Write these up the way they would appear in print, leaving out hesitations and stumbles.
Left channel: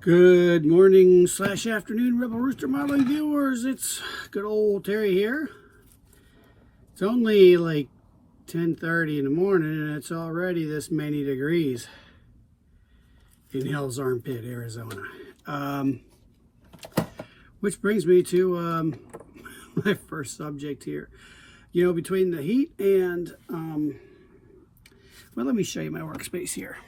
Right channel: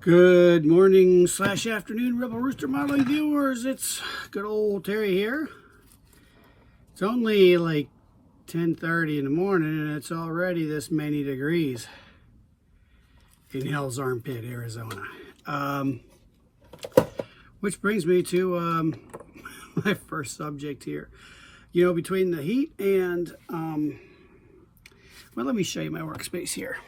Good morning slash afternoon, Rebel Rooster modeling viewers. It's good old Terry here. It's only like 10:30 in the morning and it's already this many degrees in Hell's Armpit, Arizona. Which brings me to my first subject here. You know, between the heat and, well, let me show you my workspace here.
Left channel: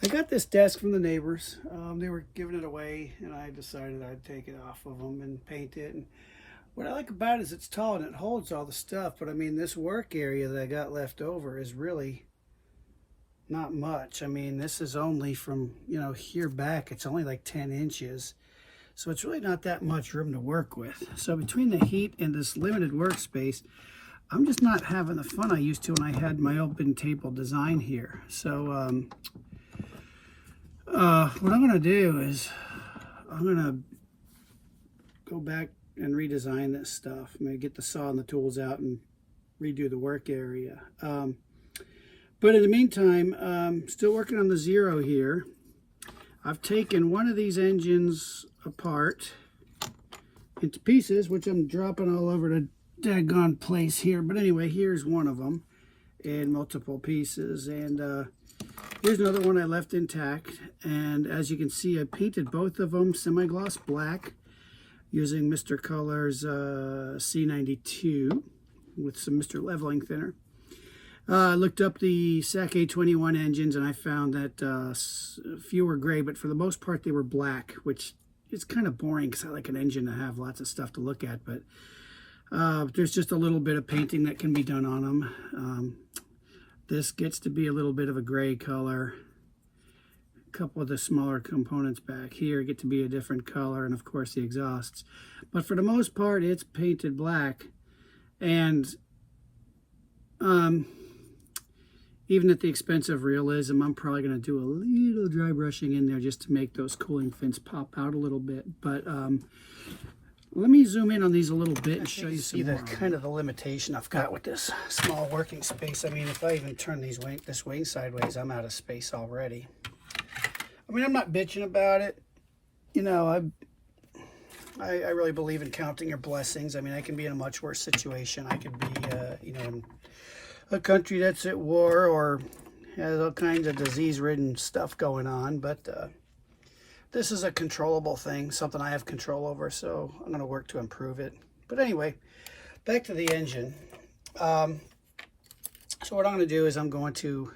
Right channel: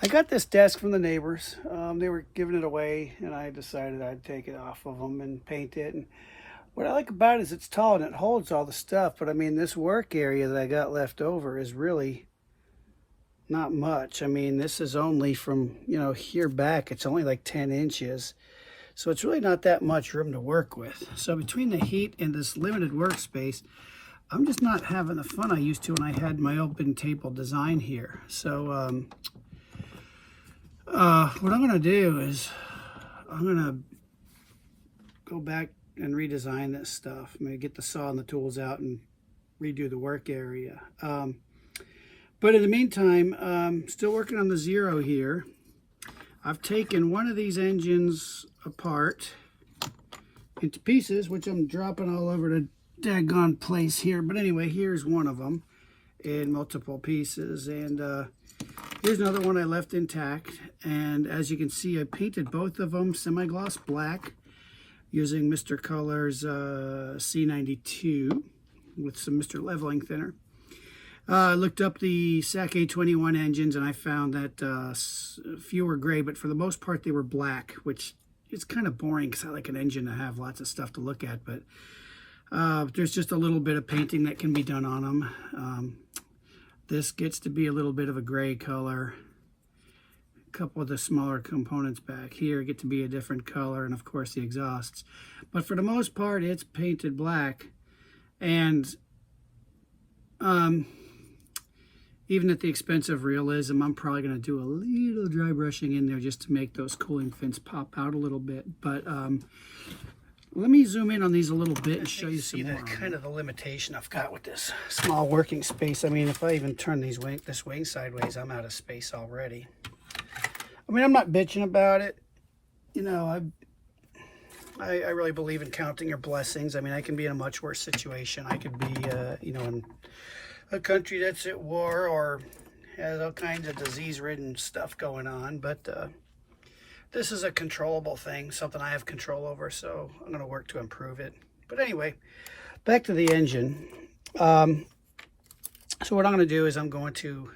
I got this desk from the neighbors. They were giving it away, and I decided I'd take it off of them and paint it. And what I like about it is it's tall and it holds all the stuff. But I mean, this work area that I got left over is really not much. I mean, this is only from, you know, here back. It's only like 10 inches. So it's really not that much room to work with. So between the heat and this limited workspace, I'm just not having the fun I used to when I had my open table design here. So, what I'm going to do is I'm going to go back and redesign this stuff. I'm going to get the saw and the tools out and redo the work area. But in the meantime, still working on the Zero here. I've taken one of these engines apart into pieces, which I'm dropping all over the daggone place here. But anyway, here's one of them in multiple pieces. And here's another one I left intact, and as you can see, I painted both of them semi-gloss black using Mr. Color's C92 with some Mr. Leveling Thinner. I looked up the SAC A21 engines, and I found that few were gray, but for the most part they were black, which is kind of boring because I like an engine to have lots of stuff to look at, but there's just a little bit of painting that can be done on them. This gets to be a little bit of a gray color. A couple of the smaller components back here get to be a different color, and of course the exhausts. But for the most part, it's painted black. And even at the expense of realism, I'm probably going to do a little dry brushing in there just to make those cooling fins pop out a little bit. But let me zoom in on these a little bit and show you some more. Kind of the limitation I've got with this small working space. I mean, if I even turn this wing sideways, I'm out of space already. I mean, I'm not bitching about it. You know, I really believe in counting your blessings. I mean, I can be in a much worse situation. I could be, you know, in a country that's at war or has all kinds of disease-ridden stuff going on. But this is a controllable thing, something I have control over, so I'm going to work to improve it. But anyway, back to the engine. So what I'm going to do is I'm going to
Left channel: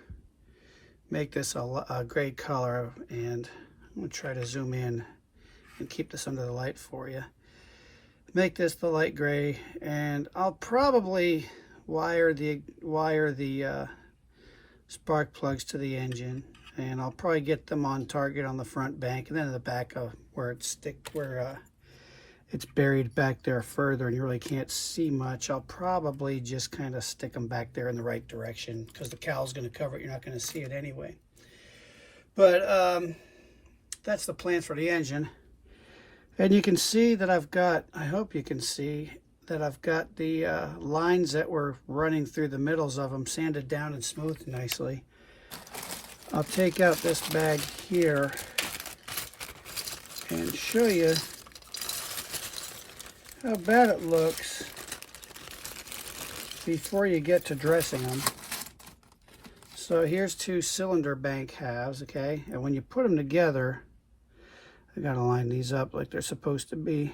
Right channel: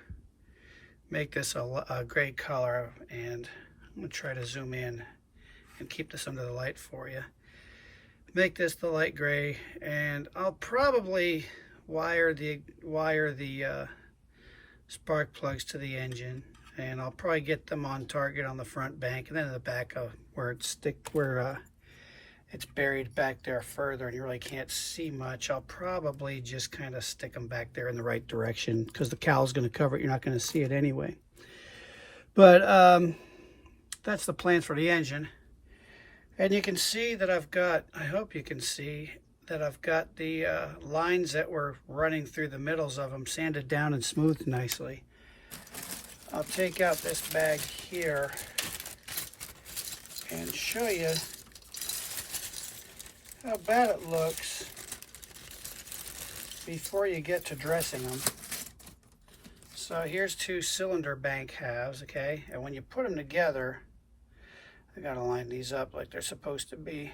make this a gray color, and I'm going to try to zoom in and keep this under the light for you. Make this the light gray, and I'll probably wire the spark plugs to the engine. And I'll probably get them on target on the front bank, and then in the back of where it's buried back there further and you really can't see much, I'll probably just kind of stick them back there in the right direction because the cowl's going to cover it. You're not going to see it anyway. But that's the plans for the engine. And you can see that I've got, I hope you can see that I've got the lines that were running through the middles of them sanded down and smoothed nicely. I'll take out this bag here and show you how bad it looks before you get to dressing them. So here's two cylinder bank halves, okay? And when you put them together, I gotta line these up like they're supposed to be.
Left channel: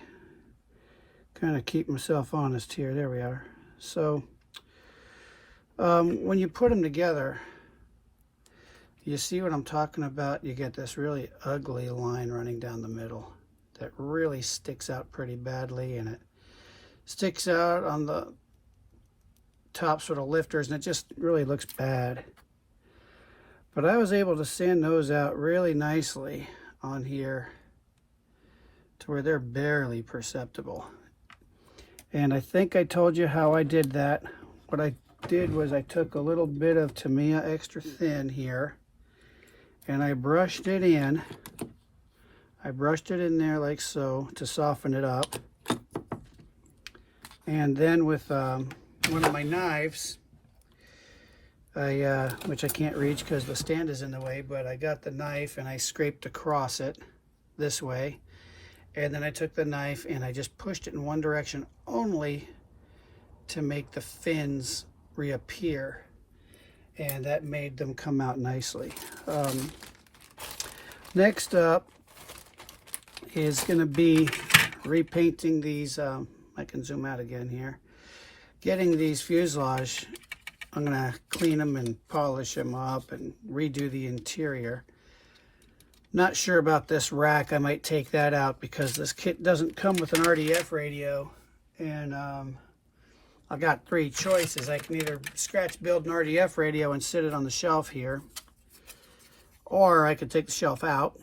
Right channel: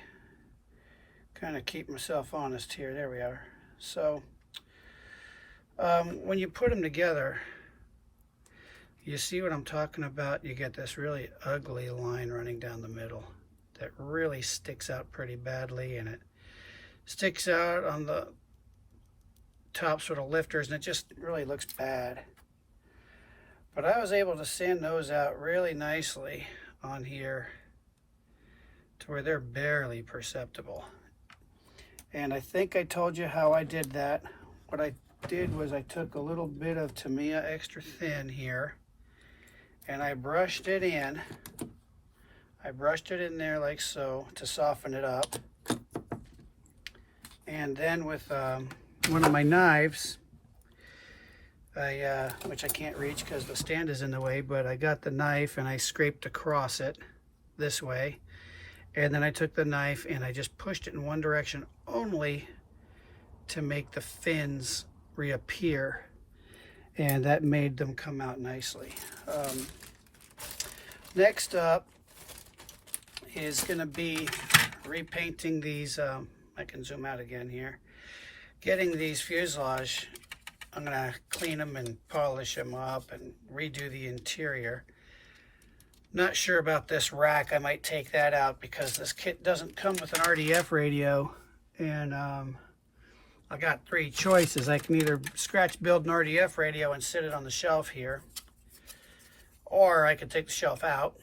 Kind of keep myself honest here. There we are. So when you put them together, you see what I'm talking about? You get this really ugly line running down the middle that really sticks out pretty badly, and it sticks out on the top sort of lifters, and it just really looks bad. But I was able to sand those out really nicely on here to where they're barely perceptible. And I think I told you how I did that. What I did was I took a little bit of Tamiya extra thin here, and I brushed it in. I brushed it in there like so to soften it up. And then with one of my knives, which I can't reach because the stand is in the way, but I got the knife and I scraped across it this way. And then I took the knife and I just pushed it in one direction only to make the fins reappear. And that made them come out nicely. Next up is going to be repainting these. I can zoom out again here. Getting these fuselage. I'm going to clean them and polish them up and redo the interior. Not sure about this rack. I might take that out because this kit doesn't come with an RDF radio. And I got three choices. I can either scratch build an RDF radio and sit it on the shelf here, or I could take the shelf out,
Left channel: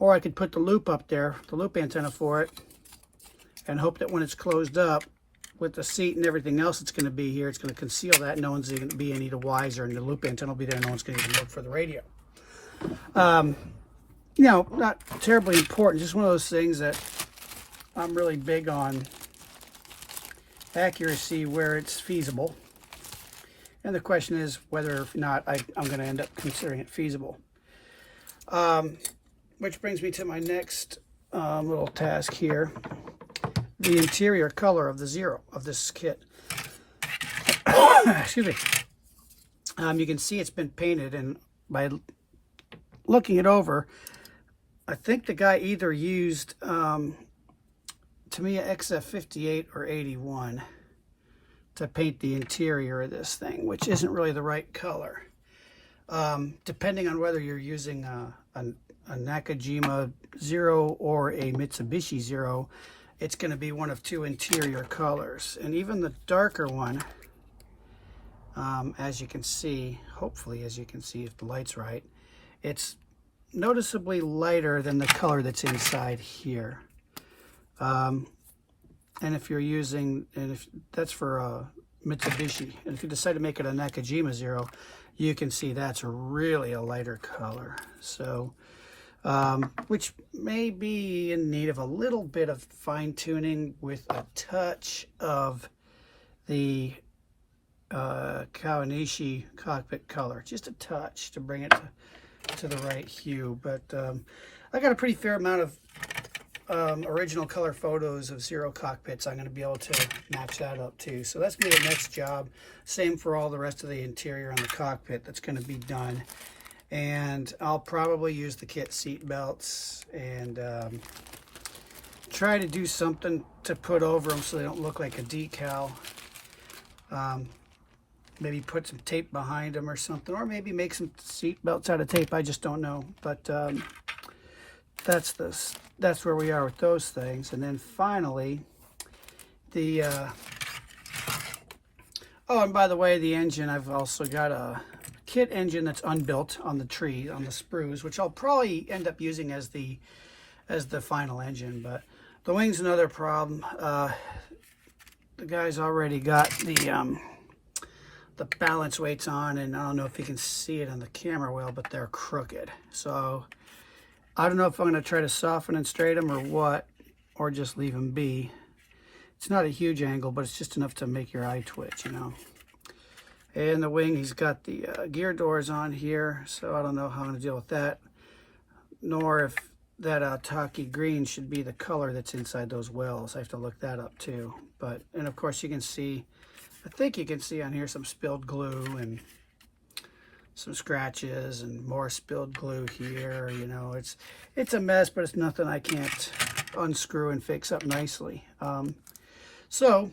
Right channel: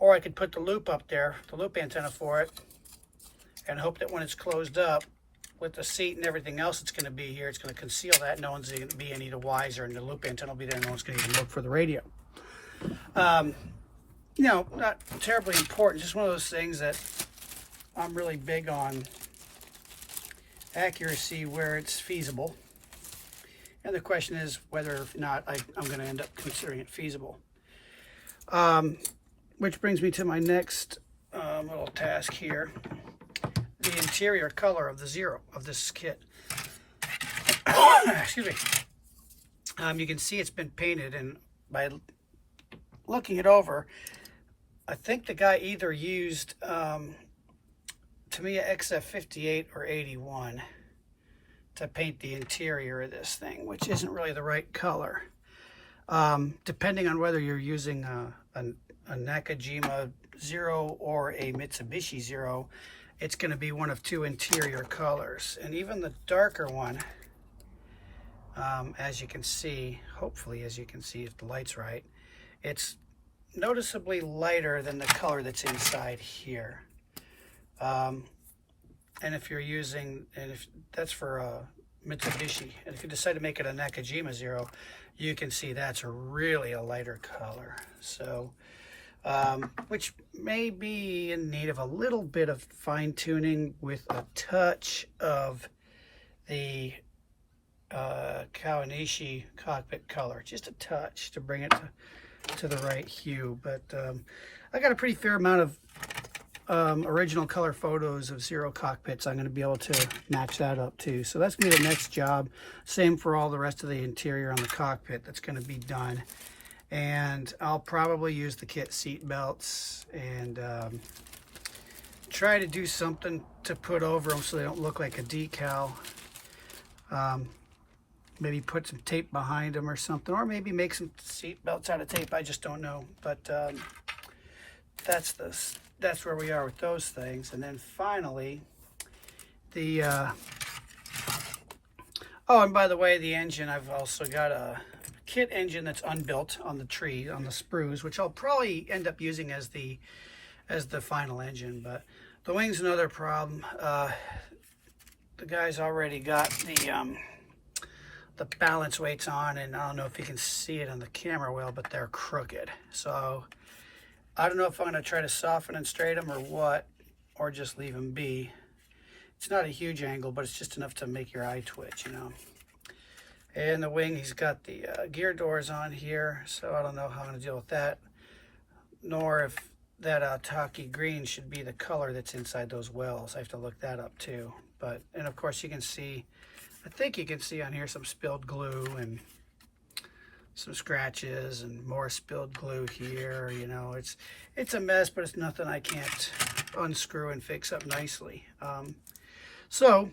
or I could put the loop up there, the loop antenna for it, and hope that when it's closed up with the seat and everything else that's going to be here, it's going to conceal that. No one's going to be any the wiser, and the loop antenna will be there. No one's going to even look for the radio. You know, not terribly important. Just one of those things that I'm really big on accuracy where it's feasible. And the question is whether or not I'm going to end up considering it feasible. Which brings me to my next little task here. The interior color of the Zero of this kit. Excuse me. You can see it's been painted, and by looking it over, I think the guy either used Tamiya XF58 or 81 to paint the interior of this thing, which isn't really the right color. Depending on whether you're using a Nakajima Zero or a Mitsubishi Zero, it's going to be one of two interior colors. And even the darker one, as you can see, hopefully as you can see if the light's right, it's noticeably lighter than the color that's inside here. And if you're using, and if that's for a Mitsubishi, and if you decide to make it a Nakajima Zero, you can see that's really a lighter color. So, which may be in need of a little bit of fine tuning with a touch of the Kawanishi cockpit color, just a touch to bring it to the right hue. But I got a pretty fair amount of original color photos of Zero cockpits. I'm going to be able to match that up too. So that's going to be the next job. Same for all the rest of the interior on the cockpit that's going to be done. And I'll probably use the kit seat belts and try to do something to put over them so they don't look like a decal. Maybe put some tape behind them or something, or maybe make some seat belts out of tape. I just don't know. But that's where we are with those things. And then finally, the oh, and by the way, the engine, I've also got a kit engine that's unbuilt on the tree, on the sprues, which I'll probably end up using as the final engine. But the wing's another problem. The guy's already got the balance weights on, and I don't know if you can see it on the camera well, but they're crooked. So I don't know if I'm going to try to soften and straighten them or what, or just leave them be. It's not a huge angle, but it's just enough to make your eye twitch, you know. And the wing, he's got the gear doors on here, so I don't know how I'm going to deal with that, nor if that Taki green should be the color that's inside those wells. I have to look that up too. But, and of course you can see, I think you can see on here some spilled glue and some scratches and more spilled glue here. You know, it's a mess, but it's nothing I can't unscrew and fix up nicely. So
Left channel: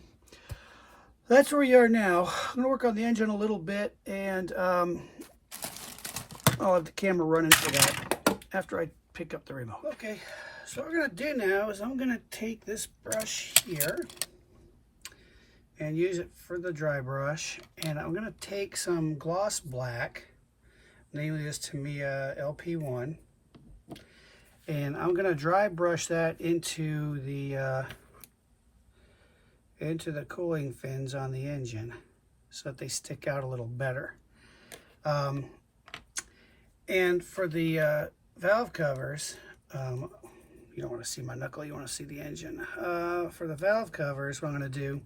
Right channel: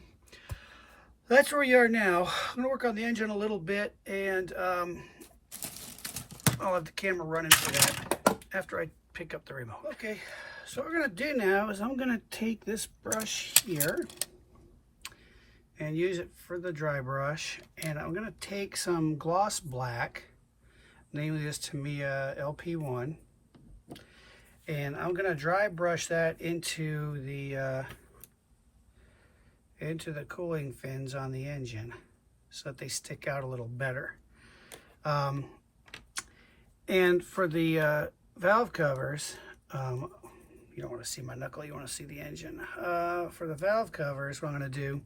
that's where we are now. I'm gonna work on the engine a little bit, and I'll have the camera running for that after I pick up the remote. Okay, so what we're gonna do now is I'm gonna take this brush here and use it for the dry brush, and I'm gonna take some gloss black, namely this Tamiya LP1, and I'm gonna dry brush that into the cooling fins on the engine so that they stick out a little better. And for the valve covers, you don't want to see my knuckle, you want to see the engine. For the valve covers, what I'm going to do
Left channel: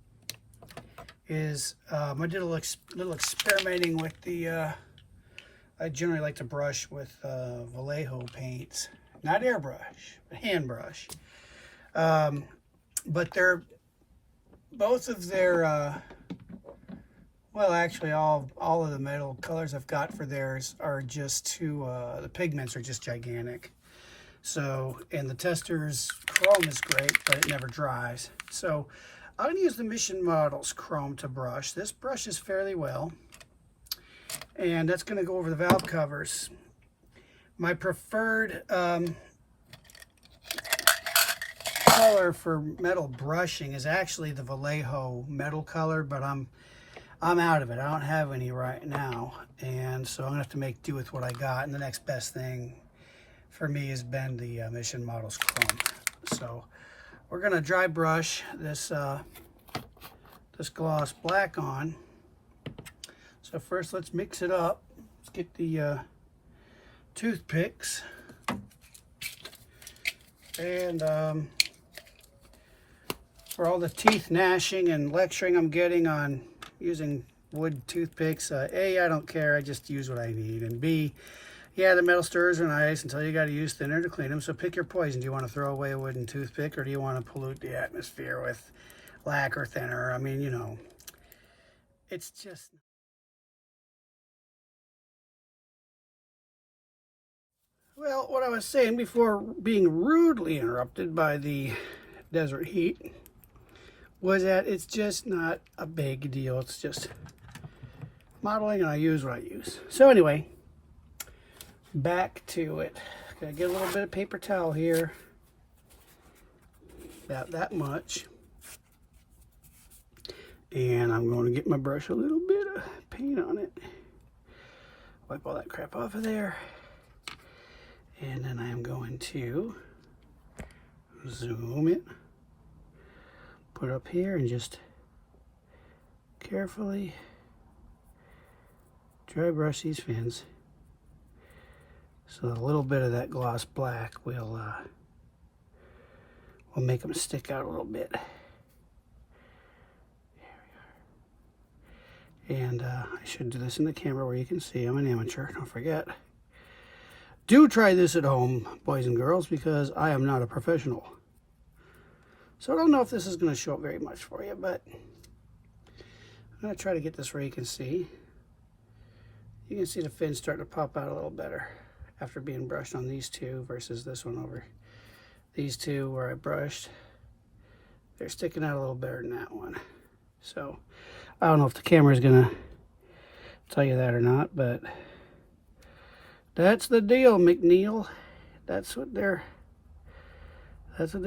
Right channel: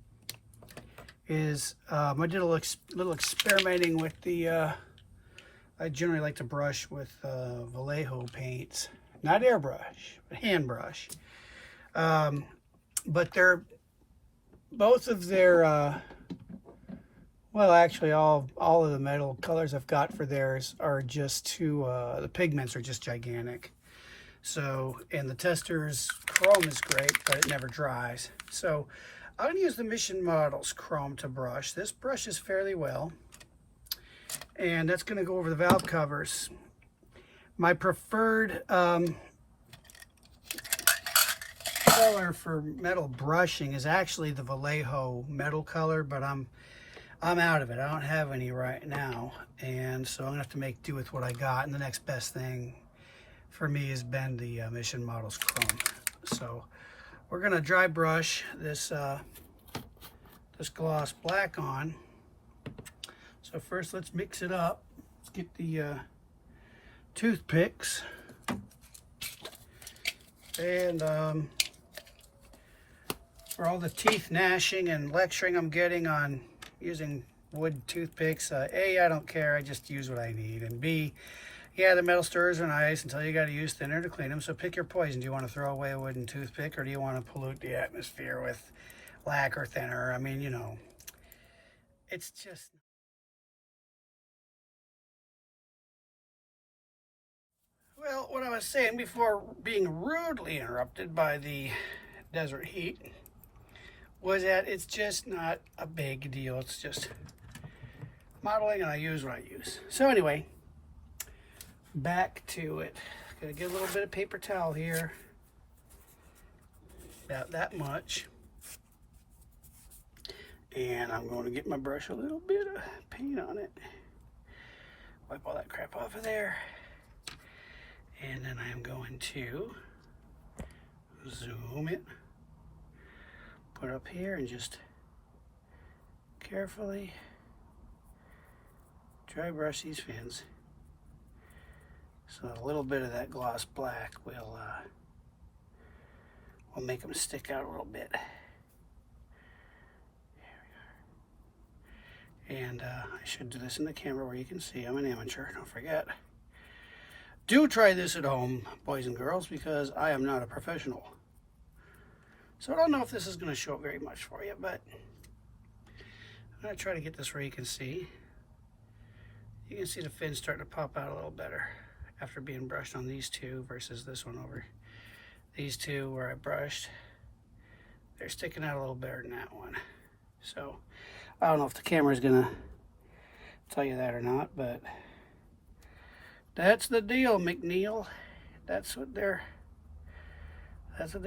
is I did a little experimenting with the, I generally like to brush with Vallejo paints. Not airbrush, but hand brush. But both of their, well, actually all of the metal colors I've got for theirs are just too, the pigments are just gigantic. So, and the Tester's chrome is great, but it never dries. So I'm going to use the Mission Models chrome to brush. This brushes fairly well. And that's going to go over the valve covers. My preferred color for metal brushing is actually the Vallejo metal color, but I'm out of it. I don't have any right now, and so I'm gonna have to make do with what I got. And the next best thing for me has been the Mission Models chrome. So we're gonna dry brush this this gloss black on. So first, let's mix it up. Let's get the toothpicks and for all the teeth gnashing and lecturing I'm getting on using wood toothpicks, A, I don't care, I just use what I need, and B, yeah, the metal stirrers are nice until you got to use thinner to clean them, so pick your poison. Do you want to throw away a wooden toothpick, or do you want to pollute the atmosphere with lacquer thinner? I mean, you know, it's just... Well, what I was saying before being rudely interrupted by the desert heat was that it's just not a big deal. It's just modeling, and I use what I use. So anyway, back to it. Gotta get a little bit of paper towel here, about that much, and I'm going to get my brush a little bit of paint on it, wipe all that crap off of there, and then I am going to zoom it, put up here, and just carefully dry brush these fins so that a little bit of that gloss black will make them stick out a little bit. And I should do this in the camera where you can see I'm an amateur, don't forget. Do try this at home, boys and girls, because I am not a professional. So I don't know if this is going to show up very much for you, but I'm going to try to get this where you can see. You can see the fins starting to pop out a little better after being brushed on these two versus this one over these two where I brushed. They're sticking out a little better than that one. So I don't know if the camera is going to tell you that or not, but that's the deal, McNeil. That's what they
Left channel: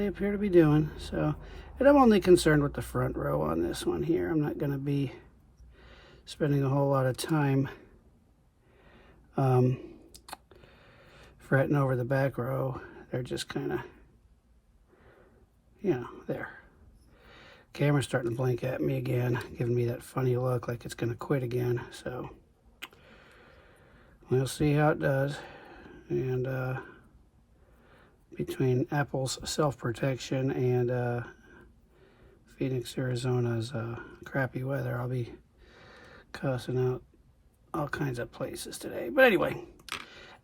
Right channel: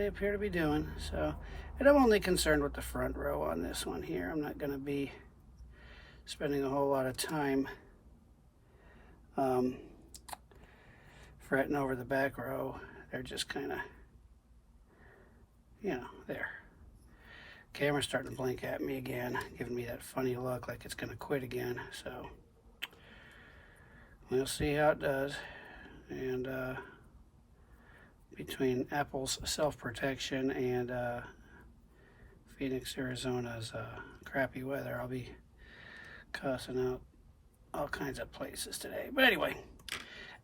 appear to be doing. So, and I'm only concerned with the front row on this one here. I'm not going to be spending a whole lot of time fretting over the back row. They're just kind of, you know, there. Camera's starting to blink at me again, giving me that funny look like it's going to quit again. So we'll see how it does. And between Apple's self-protection and Phoenix, Arizona's crappy weather, I'll be cussing out all kinds of places today. But anyway,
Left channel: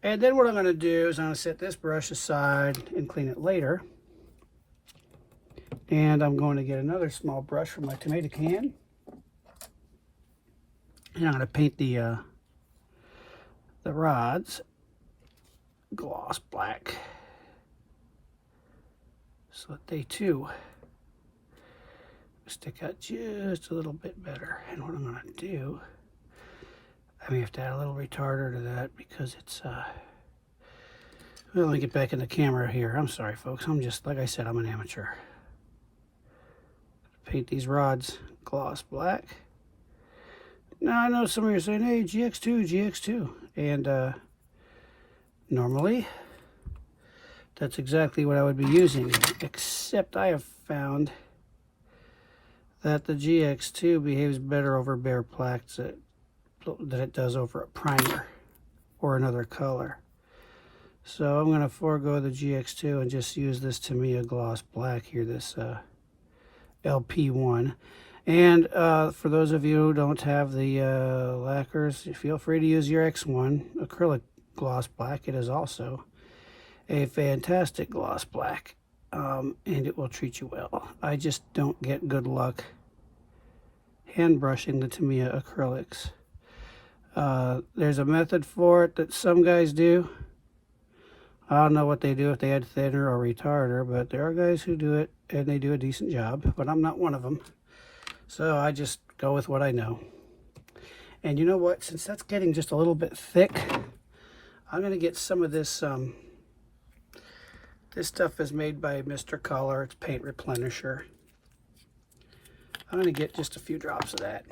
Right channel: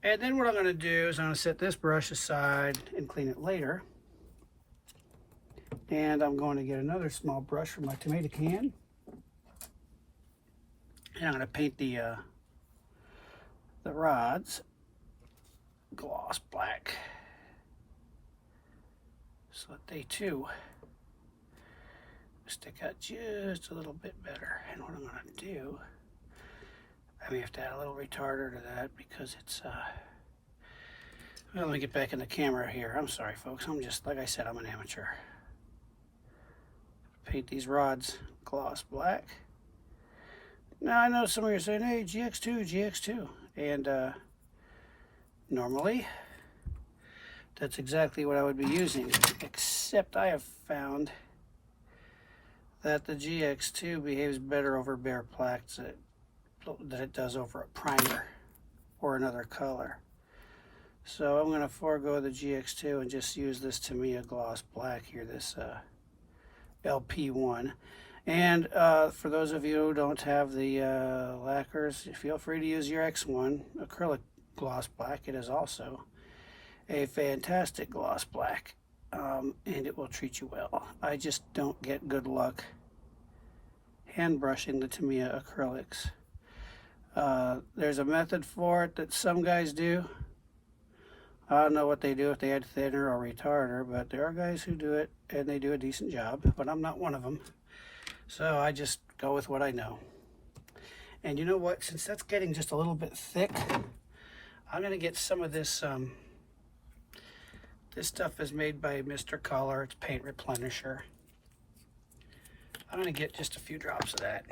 and then what I'm going to do is I'm going to set this brush aside and clean it later. And I'm going to get another small brush from my tomato can. And I'm going to paint the rods gloss black so that they too stick out just a little bit better. And what I'm going to do, I may have to add a little retarder to that because it's well, let me get back in the camera here. I'm sorry folks, I'm just, like I said, I'm an amateur. Paint these rods gloss black. Now I know some of you are saying, hey, GX2, and normally that's exactly what I would be using, except I have found that the GX2 behaves better over bare plaques than it does over a primer or another color. So I'm going to forego the GX2 and just use this Tamiya gloss black here, this LP1. And for those of you who don't have the lacquers, feel free to use your X1 acrylic gloss black. It is also a fantastic gloss black, and it will treat you well. I just don't get good luck hand brushing the Tamiya acrylics. There's a method for it that some guys do. I don't know what they do, if they add thinner or retarder, but there are guys who do it and they do a decent job, but I'm not one of them. So I just go with what I know. And you know what? Since that's getting just a little bit thick, I'm going to get some of this. This stuff is made by Mr. Color. It's paint replenisher. I'm going to get just a few drops of that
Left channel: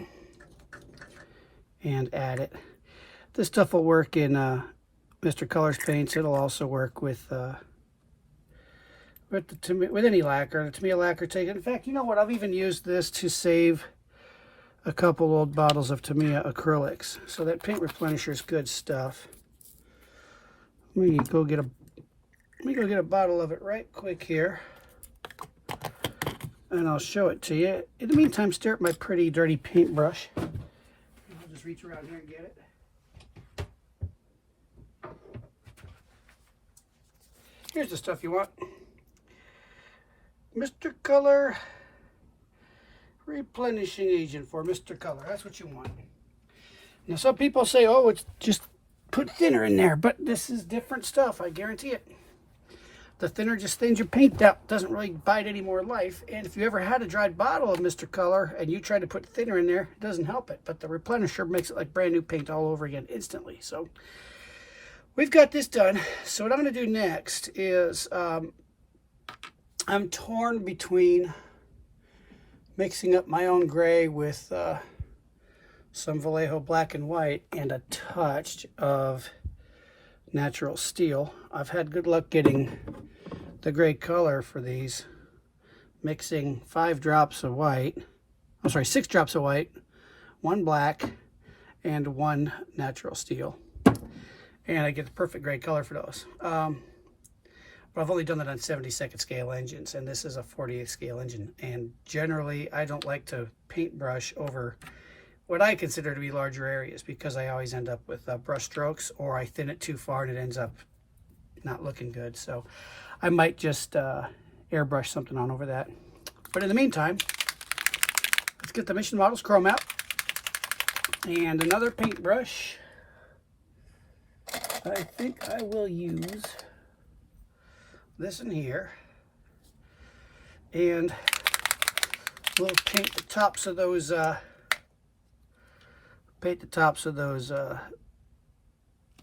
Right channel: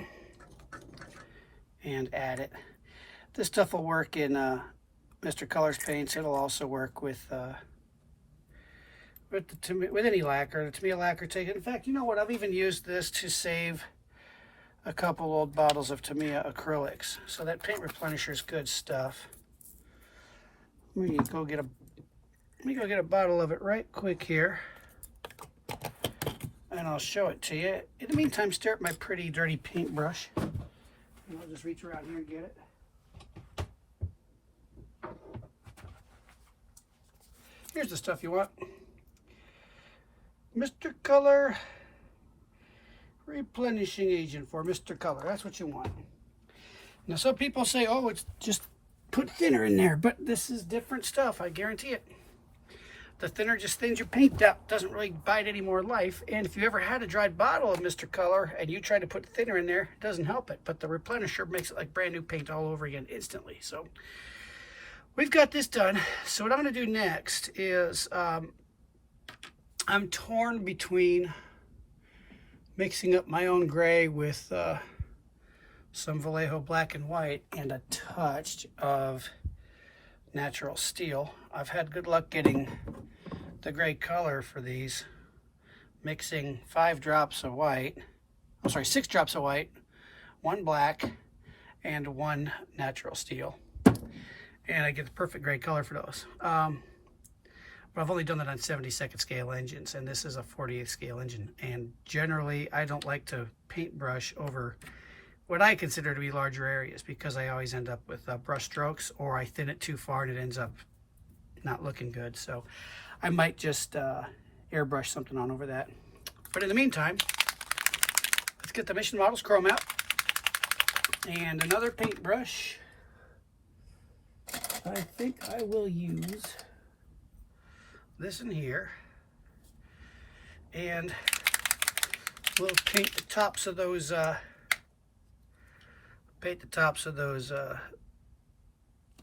and add it. This stuff will work in Mr. Color's paints. It'll also work with any lacquer. The Tamiya lacquer take it. In fact, you know what? I've even used this to save a couple old bottles of Tamiya acrylics. So that paint replenisher is good stuff. Let me go get a bottle of it right quick here, and I'll show it to you. In the meantime, stare at my pretty dirty paintbrush. I'll just reach around here and get it. Here's the stuff you want. Mr. Color replenishing agent for Mr. Color. That's what you want. Now some people say, oh, it's just put thinner in there, but this is different stuff, I guarantee it. The thinner just thins your paint out, doesn't really bite any more life. And if you ever had a dried bottle of Mr. Color and you try to put thinner in there, it doesn't help it. But the replenisher makes it like brand new paint all over again instantly. So we've got this done. So what I'm going to do next is I'm torn between mixing up my own gray with some Vallejo black and white and a touch of natural steel. I've had good luck getting the gray color for these, mixing 6 drops of white, 1 black, and 1 natural steel. And I get the perfect gray color for those. But I've only done that on 72nd scale engines, and this is a 48th scale engine. And generally, I don't like to paintbrush over what I consider to be larger areas, because I always end up with brush strokes, or I thin it too far and it ends up not looking good. So I might just airbrush something on over that. But in the meantime, let's get the Mission Models chrome out and another paintbrush. I think I will use this in here, and we'll paint the tops of those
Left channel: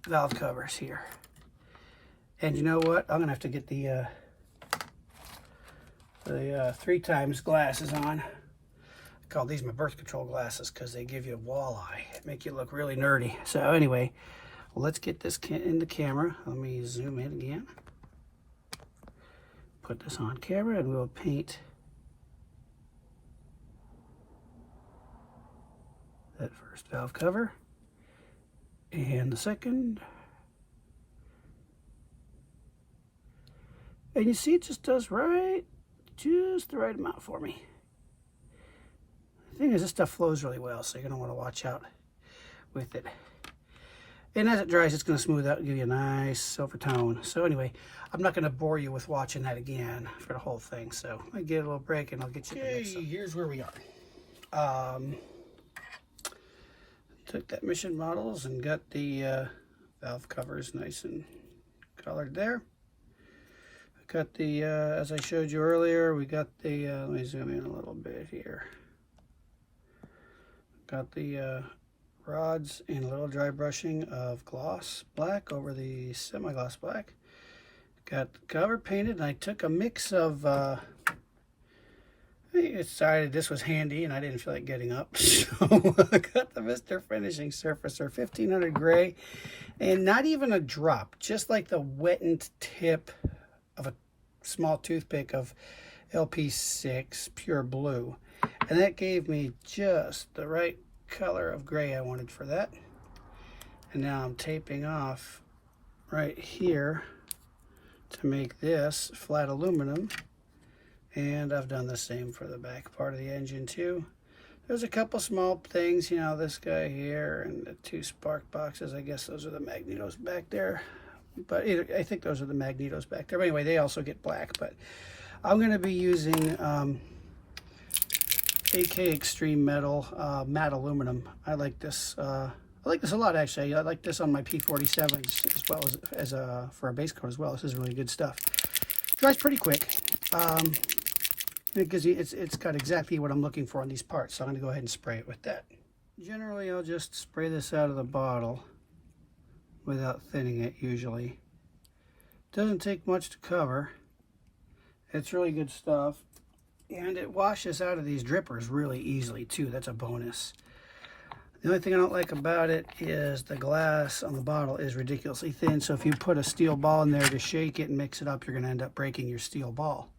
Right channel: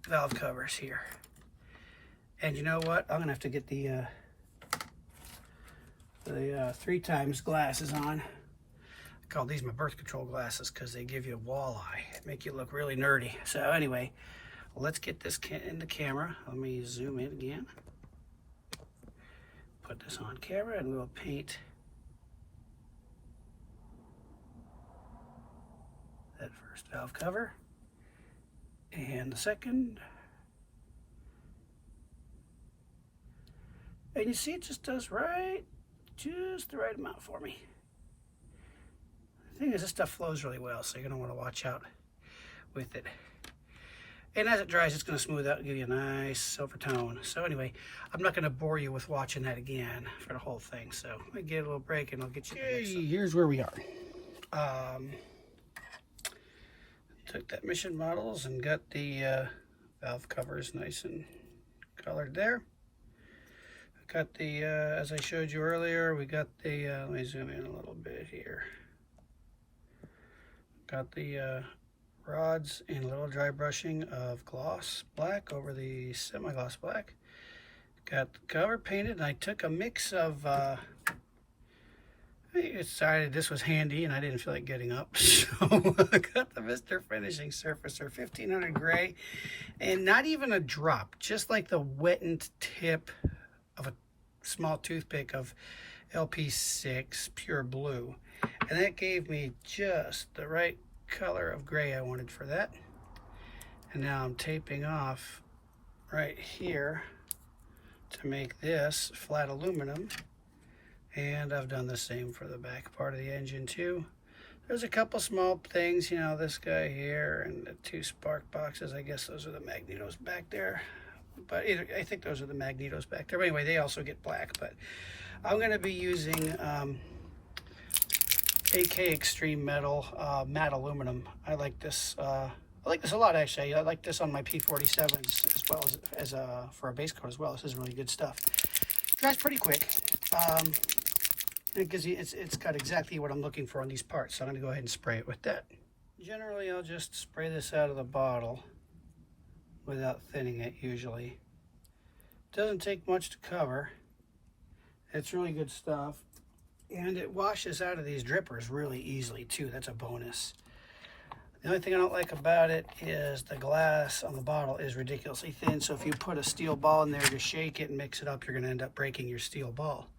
valve covers here. And you know what? I'm gonna have to get the 3x glasses on. I call these my birth control glasses because they give you a walleye, make you look really nerdy. So anyway, let's get this in the camera. Let me zoom in again. Put this on camera, and we'll paint that first valve cover and the second. And you see, it just does just the right amount for me. The thing is, this stuff flows really well, so you're going to want to watch out with it. And as it dries, it's going to smooth out and give you a nice silver tone. So anyway, I'm not going to bore you with watching that again for the whole thing. So I get a little break and I'll get you the next one. Here's where we are. Took that Mission Models and got the valve covers nice and colored there. Got the, as I showed you earlier, we got the, let me zoom in a little bit here. Got the rods and a little dry brushing of gloss black over the semi-gloss black. Got the cover painted, and I took a mix of, I decided this was handy and I didn't feel like getting up. So I got the Mr. Finishing Surfacer 1500 gray, and not even a drop, just like the wetted tip of a small toothpick of LP6 pure blue. And that gave me just the right color of gray I wanted for that. And now I'm taping off right here to make this flat aluminum, and I've done the same for the back part of the engine too. There's a couple small things, you know, this guy here and the 2 spark boxes. I guess those are the magnetos back there. But either, I think those are the magnetos back there. But anyway, they also get black. But I'm going to be using AK Extreme Metal matte aluminum. I like this. I like this a lot, actually. I like this on my P47s as well as for a base coat as well. This is really good stuff. Dries pretty quick. Because it's got exactly what I'm looking for on these parts. So I'm going to go ahead and spray it with that. Generally, I'll just spray this out of the bottle without thinning it usually. Doesn't take much to cover. It's really good stuff. And it washes out of these drippers really easily too. That's a bonus. The only thing I don't like about it is the glass on the bottle is ridiculously thin. So if you put a steel ball in there to shake it and mix it up, you're going to end up breaking your steel ball.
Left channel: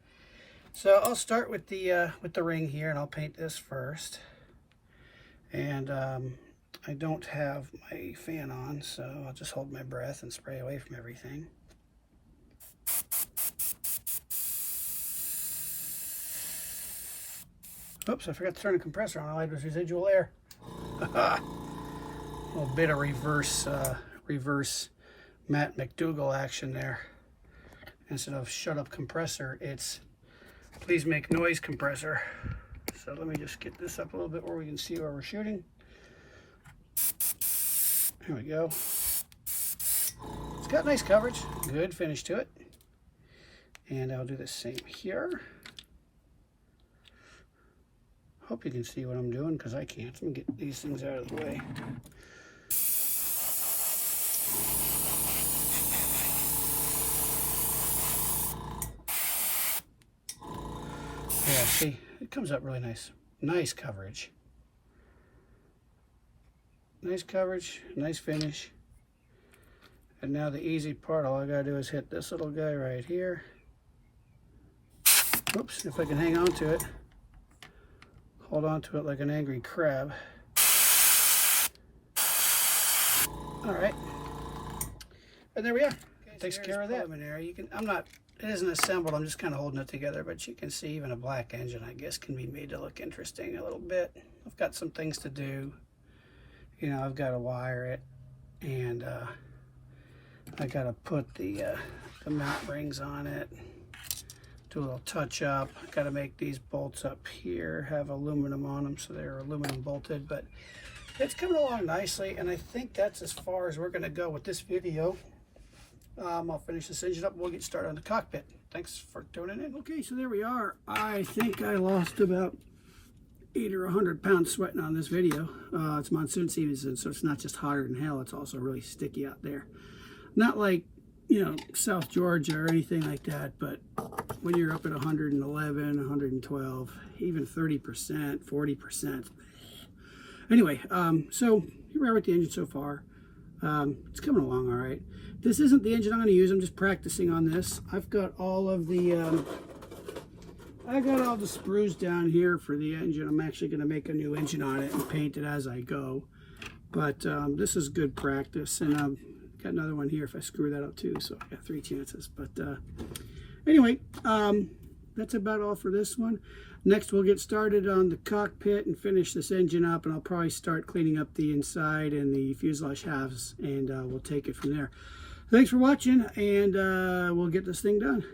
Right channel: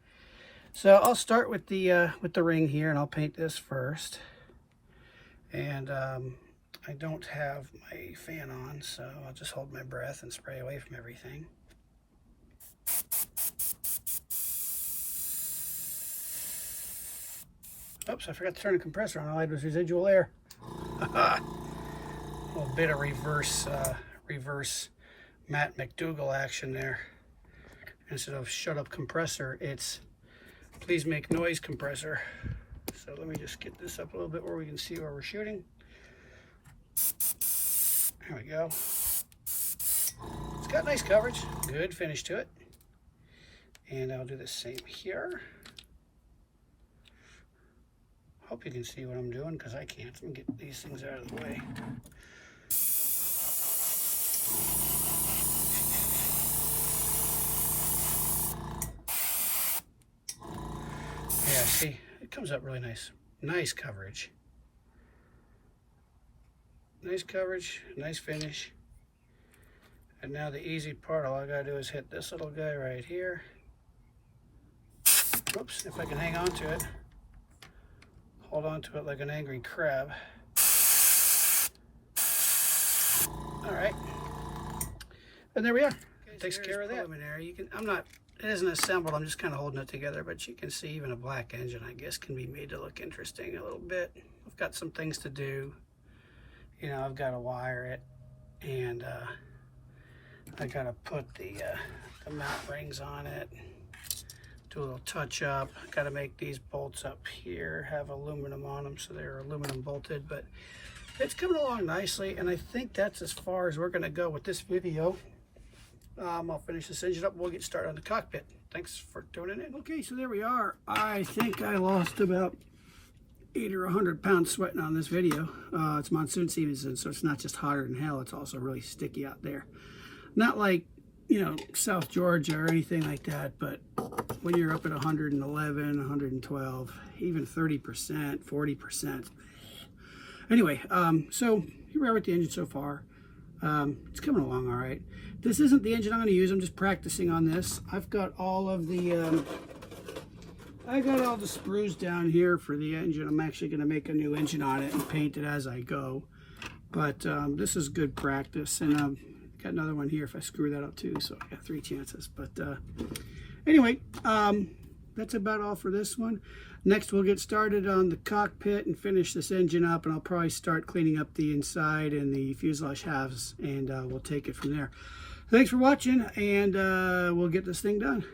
So I'll start with the ring here, and I'll paint this first. And I don't have my fan on, so I'll just hold my breath and spray away from everything. Oops, I forgot to turn the compressor on. All I had was residual air. A little bit of reverse Matt McDougall action there. Instead of shut up compressor, it's please make noise compressor. So let me just get this up a little bit where we can see where we're shooting. There we go. It's got nice coverage, good finish to it. And I'll do the same here. Hope you can see what I'm doing, because I can't. Let me get these things out of the way. Yeah, see, it comes up really nice. Nice coverage. Nice coverage, nice finish. And now the easy part, all I gotta do is hit this little guy right here. Whoops, if I can hang on to it. Hold on to it like an angry crab. All right. And there we are. Okay, takes care of that. Preliminary. You can, it isn't assembled, I'm just kind of holding it together, but you can see even a black engine, I guess, can be made to look interesting a little bit. I've got some things to do. You know, I've got to wire it, and I got to put the mount rings on it, do a little touch up. I got to make these bolts up here have aluminum on them, so they're aluminum bolted, but it's coming along nicely, and I think that's as far as we're going to go with this video. I'll finish this engine up. We'll get started on the cockpit. Thanks for tuning in. Okay, so there we are. I think I lost about 80 or 100 pounds sweating on this video. It's monsoon season, so it's not just hotter than hell, it's also really sticky out there. Not like, you know, South Georgia or anything like that, but when you're up at 111, 112, even 30%, 40%. Anyway, so here we are with the engine so far. It's coming along all right. This isn't the engine I'm going to use. I'm just practicing on this. I've got all of the I got all the screws down here for the engine. I'm actually going to make a new engine on it and paint it as I go. But this is good practice, and I've got another one here if I screw that up too, so I got 3 chances. But anyway, that's about all for this one. Next, we'll get started on the cockpit and finish this engine up, and I'll probably start cleaning up the inside and the fuselage halves, and we'll take it from there. Thanks for watching, and we'll get this thing done.